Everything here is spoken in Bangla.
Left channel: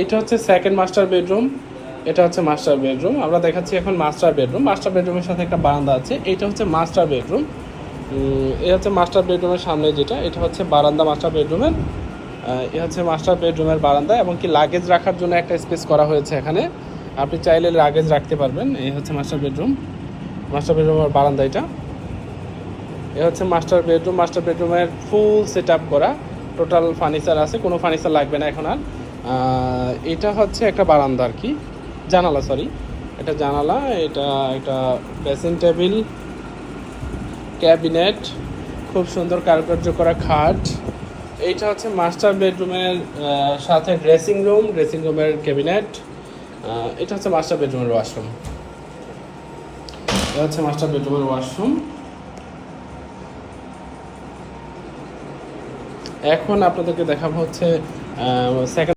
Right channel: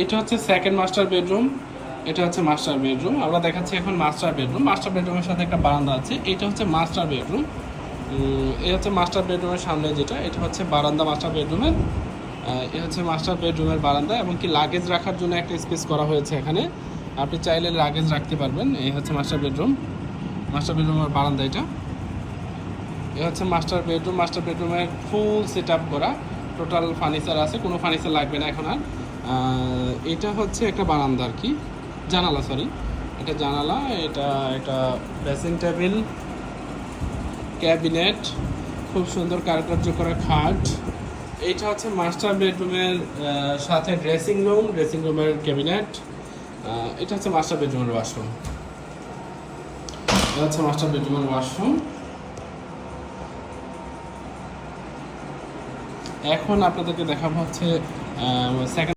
এটা হচ্ছে সেকেন্ড মাস্টার বেডরুম, এটা হচ্ছে মাস্টার বেডরুম। আমরা দেখাচ্ছি এখন মাস্টার বেডরুম। মাস্টার বেডরুমের সাথে একটা বারান্দা আছে। এটা হচ্ছে মাস্টার বেডরুম। এটা হচ্ছে মাস্টার বেডরুমের সামনে যেটা, এটা হচ্ছে বারান্দা মাস্টার বেডরুমের। এ হচ্ছে মাস্টার বেডরুমের বারান্দা, এবং কি লাগেজ রাখার জন্য একটা স্পেস করা হয়েছে এখানে। আপনি চাইলে লাগেজ রাখতে পারবেন। এই হচ্ছে মাস্টার বেডরুম, মাস্টার বেডরুমের বারান্দা এটা। এ হচ্ছে মাস্টার বেডরুম। মাস্টার বেডরুমের ফুল সেট আপ করা, টোটাল ফার্নিচার আছে, কোনো ফার্নিচার লাগবে না এখন আর। এটা হচ্ছে একটা বারান্দা আর কি, জানালা, সরি এটা জানালা। এটা এটা ড্রেসিং টেবিল, ক্যাবিনেট, খুব সুন্দর কারুকার্য করা খাট। এইটা হচ্ছে মাস্টার বেডরুমের সাথে ড্রেসিং রুম, ড্রেসিং রুমের ক্যাবিনেট। এটা হচ্ছে মাস্টার বেডরুমের ওয়াশরুম। এটা হচ্ছে মাস্টার বেডরুমের ওয়াশরুম। এখন আপনাদেরকে দেখাবো হচ্ছে সেকেন্ড